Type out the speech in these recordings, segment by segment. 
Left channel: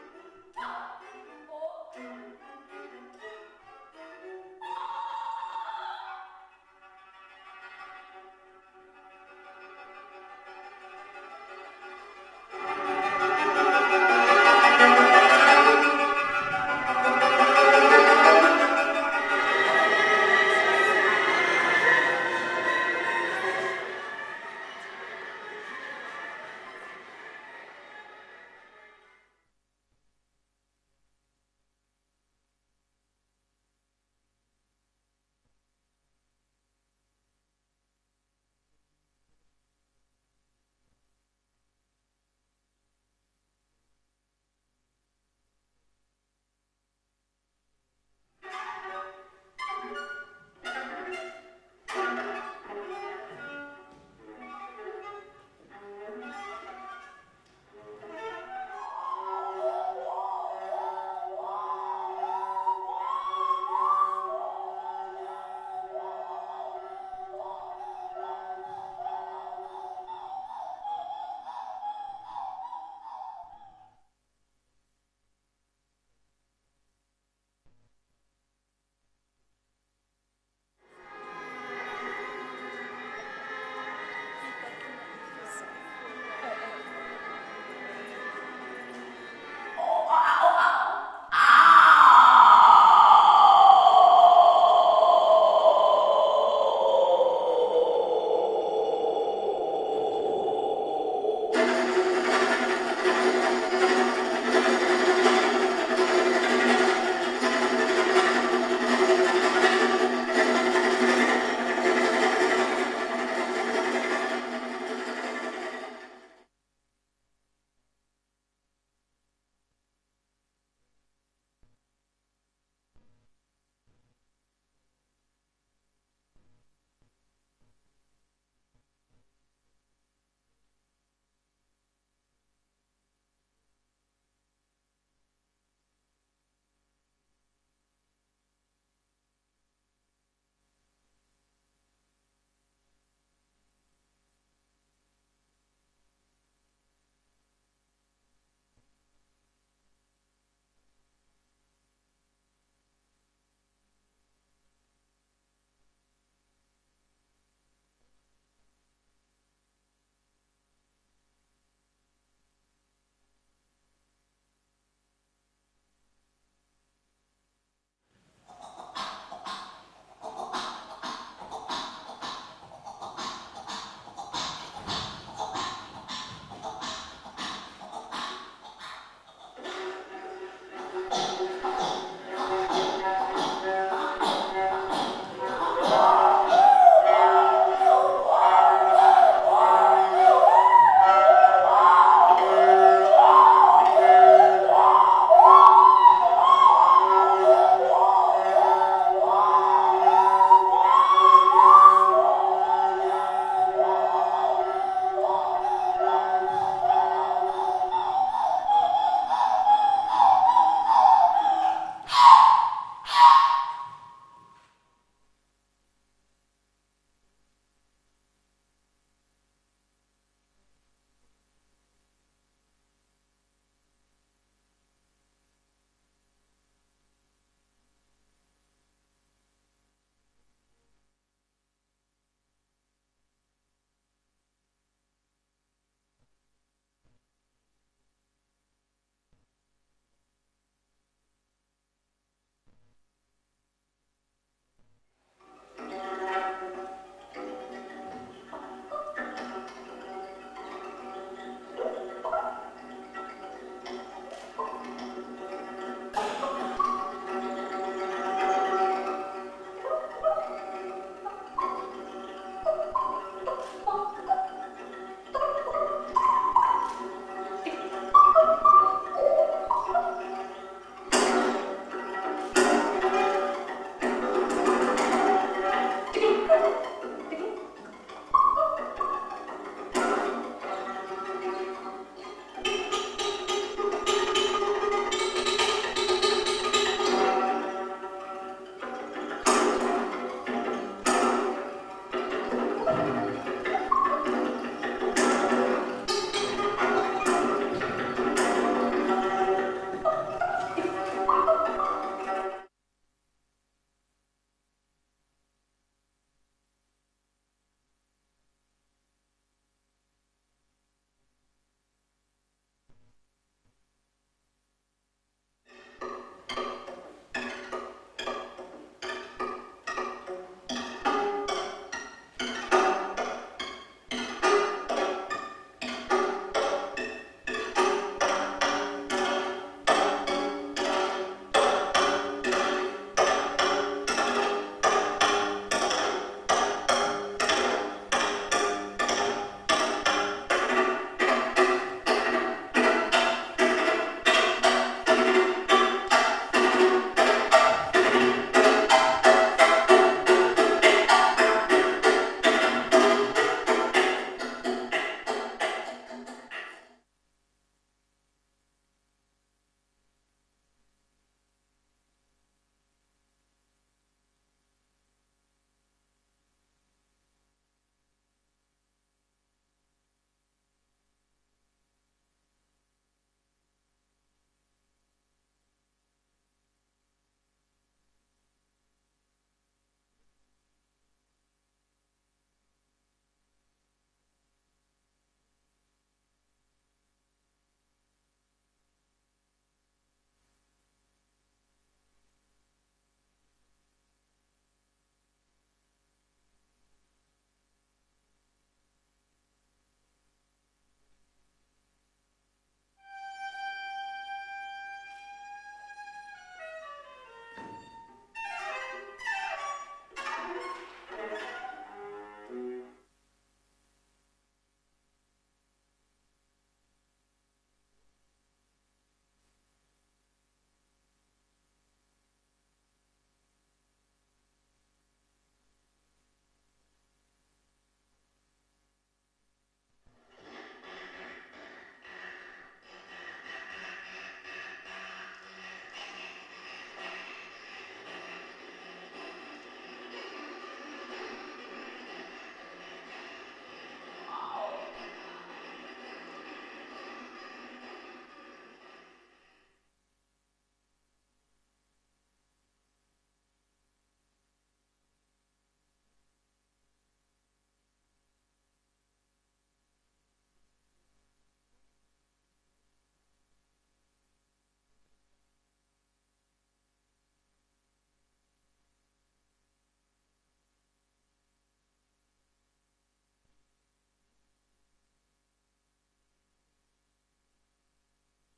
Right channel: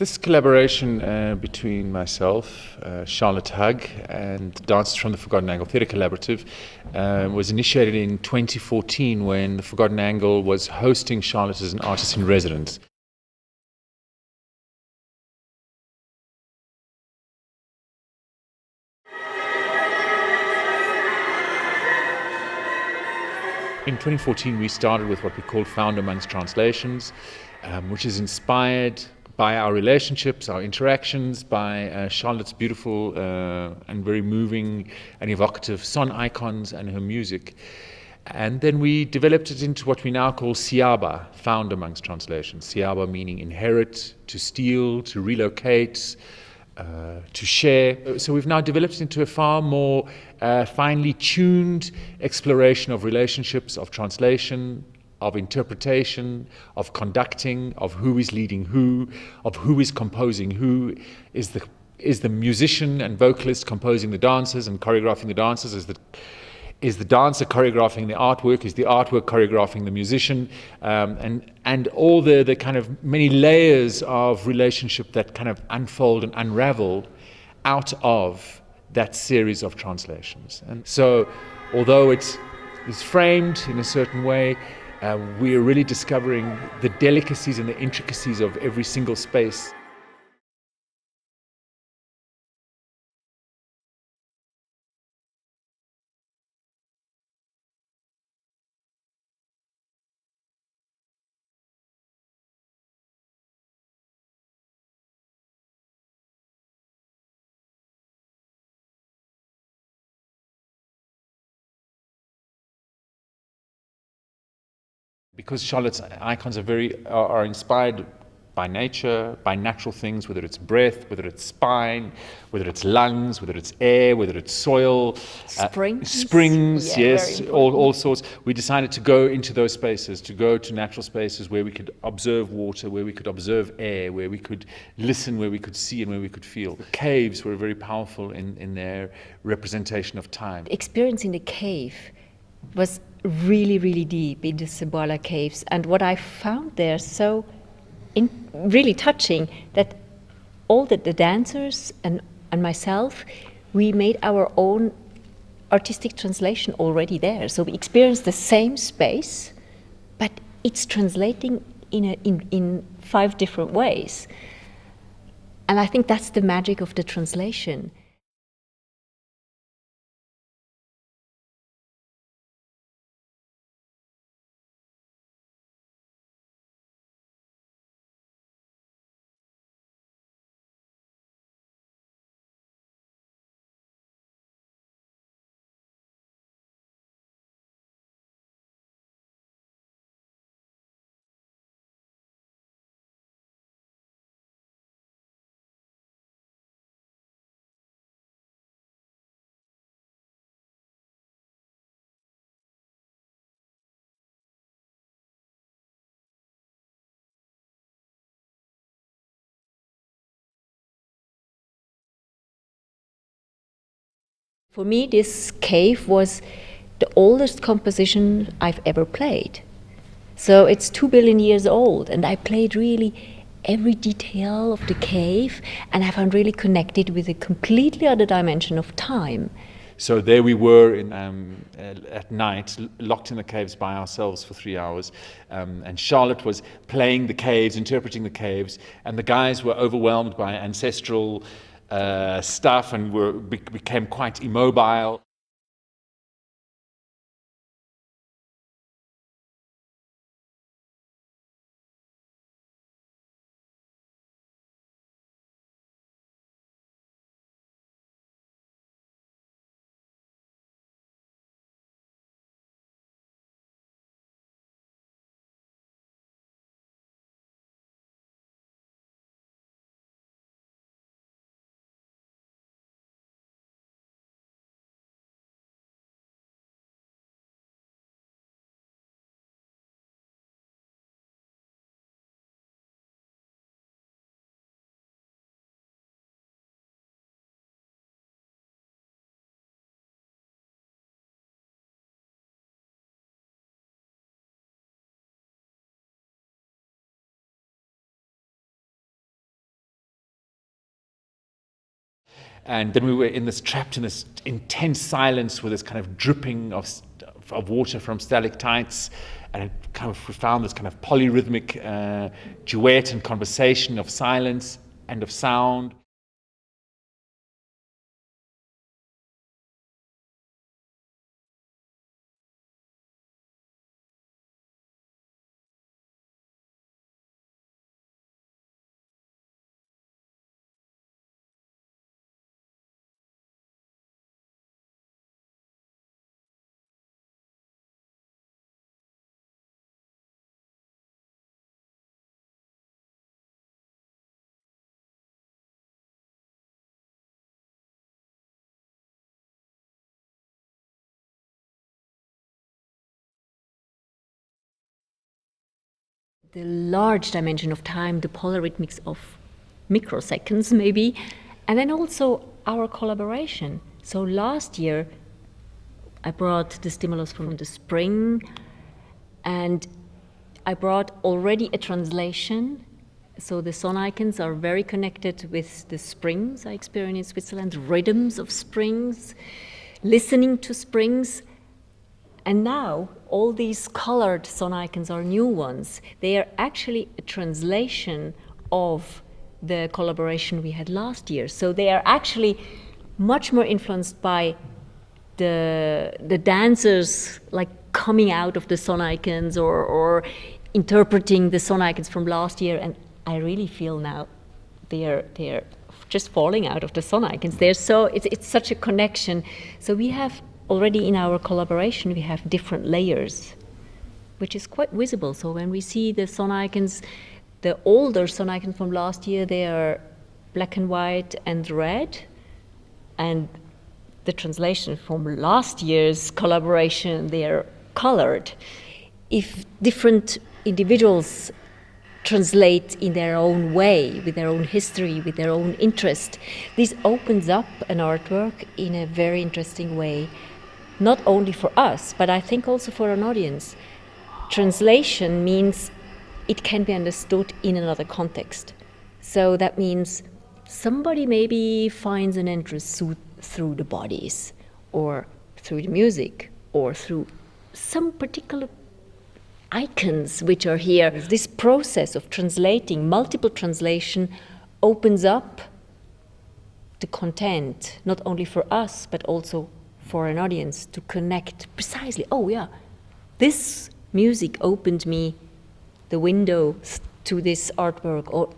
This collaboration between myself, Charlotte Hug, and dancers from the Forgotten Angle Theatre Collaborative was initiated in 2014 when the Forgotten Angle was hosting Charlotte as an artist in residence. In 2014, we started with what we called Found Amongst Translations, which is inspired by our relationships, our interactions, by Charlotte's beautiful and very moving and evocative son icons and her music. And then we developed it into what we now call Siyaba, Found Amongst Translations. Siyaba meaning inherit, to steal, to relocate, to share. So we've now developed it into a far more finely tuned exploration of relationships, of translation, of interpretation, of conducting, of who is leading who, of who is composing who. Is the musician and vocalist composing the dancers and choreographing the dancers? Is the dancer choreographing the artwork? Is the artwork choreographing the musician? And all the kind of many layers of relationship that kind of unfold and unravel out of that series of translations. And so, although it's framed in a certain way, we are really discovering the delicacies and the intricacies of every single space. Because Charlotte's icons are inspired by nature, by natural things, whether it's breath, whether it's spine, whether it's lungs, whether it's air, whether it's soil. Springs, yeah, yes, all sorts. We decided to go into those spaces, to go to natural spaces where we could observe water, where we could observe air, where we could listen, where we could see, and where we could feel. The caves were very powerful in their representation of time. Experience in the cave was really, really deep in the Siyaba caves, and what I found there so really touching, that all the dancers and myself, we made our own artistic translation already there. So we experienced the same space, but it's translating in 5 different ways. And I think that's the magic of the translation. For me, this cave was the oldest composition I've ever played. So it's 2 billion years old, and I played really every detail of the cave, and I found really connected with a completely other dimension of time. So there we were at night, locked in the caves by ourselves for 3 hours, and Charlotte was playing the caves, interpreting the caves, and the guys were overwhelmed by ancestral stuff and became quite immobile. And then we were trapped in this intense silence with this kind of dripping of water from stalactites, and it kind of, we found this kind of polyrhythmic duet and conversation of silence and of sound. Large dimension of time, the polyrhythmics of microseconds maybe, and then also our collaboration. So last year I brought the stimulus from the spring, and I brought already a translation. So the sun icons are very connected with the springs I experience in Switzerland, rhythms of springs, listening to springs. And now, all these colored sun icons are new ones. They are actually a translation of the collaboration we had last year. So they are actually much more influenced by the dancers, like coming out of the sun icons or interpreting the sun icons from last year. And I really feel now they're just falling out of the sun icons. It's such a connection. So we have already in our collaboration, we have different layers, which is quite visible. So when we see the sun icons, the older sun icons from last year, they are black and white and red. And the translation from last year's collaboration, they are colored. If different individuals translate in their own way, with their own history, with their own interest, this opens up an artwork in a very interesting way. Not only for us, but I think also for an audience. Translation means it can be understood in another context. So that means somebody maybe finds an interest through the bodies, or through the music, or through some particular icons which are here. This process of translating, multiple translation, opens up the content, not only for us, but also for an audience to connect precisely. Oh yeah, this music opened me the window to this artwork, or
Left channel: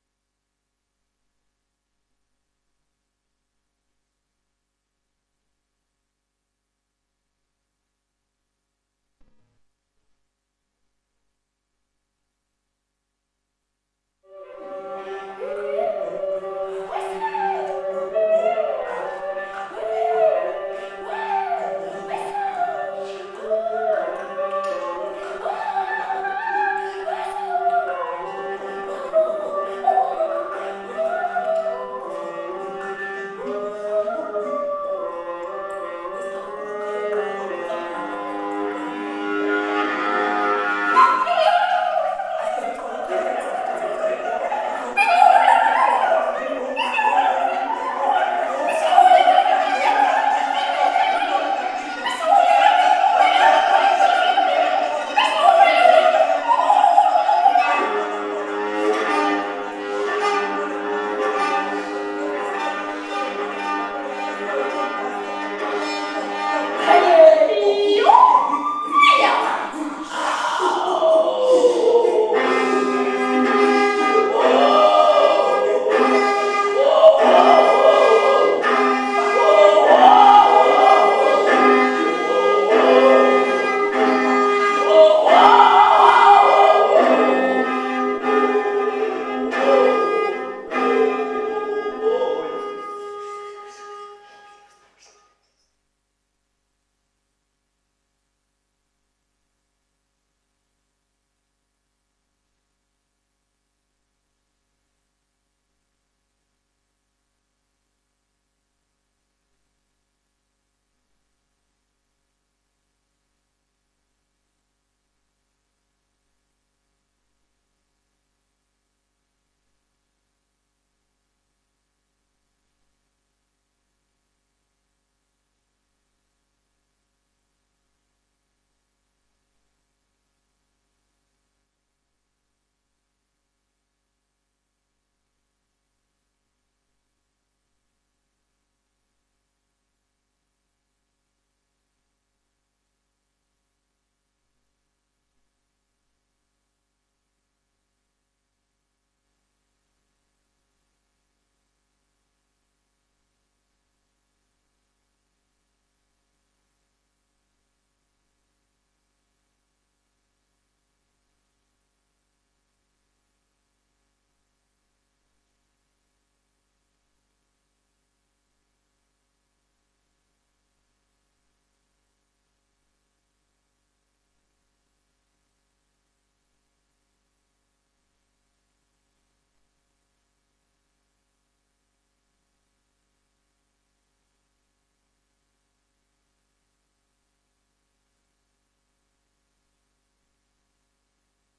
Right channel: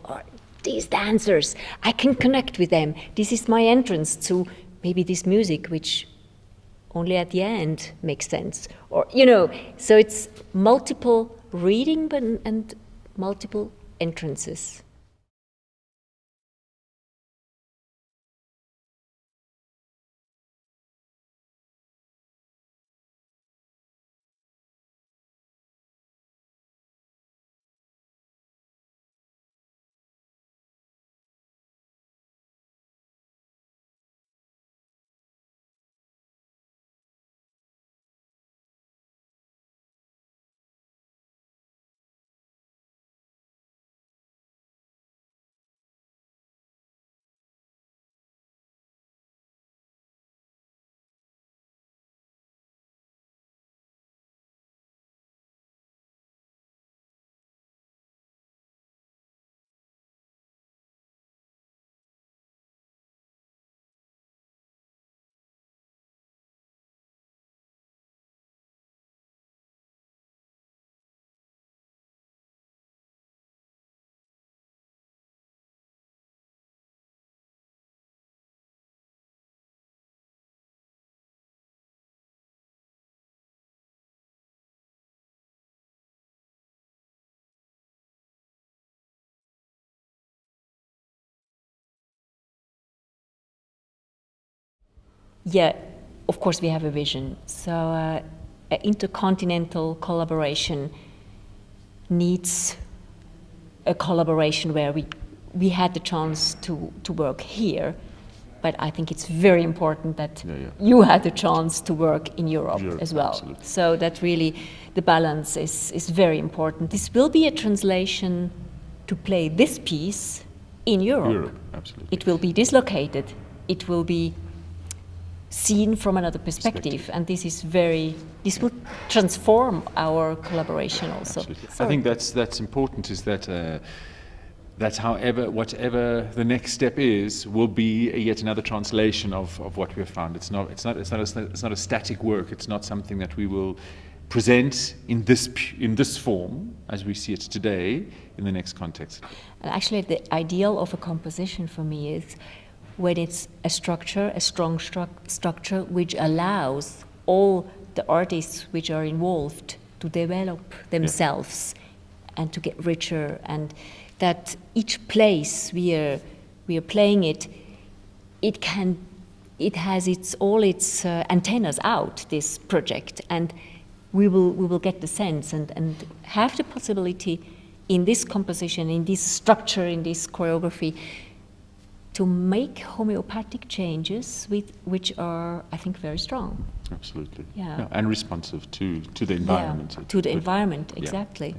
these dancers, I can connect with them. This is my entrance to maybe this music, which only at the end makes sense. Or, so it's multiple reading and multiple entrances. Yeah, of course we have a vision. So an intercontinental collaboration needs a collaboration where we had the chance to work here, but I think it's very important that you had the chance to work in Europe as well. Absolutely. So that really, the balance is very important. This will be a translation to play this piece in Europe. Absolutely. It will be dislocated it will be seen from another perspective. And this will transform our collaboration also. Absolutely. I Sorry. think that's important, is that whatever the next step is, will be yet another translation of what we have found. It's not a static work. It's not something that we will present in this form as we see it today in the next context. And actually, the ideal of a composition for me is when it's a strong structure, which allows all the artists which are involved to develop themselves and to get richer, and that each place we are playing it has all its antennas out, this project, and we will get the sense and have the possibility in this composition, in this structure, in this choreography, to make homeopathic changes which are, I think, very strong. Absolutely. Yeah. And responsive to the environment. To the environment, exactly. Yeah.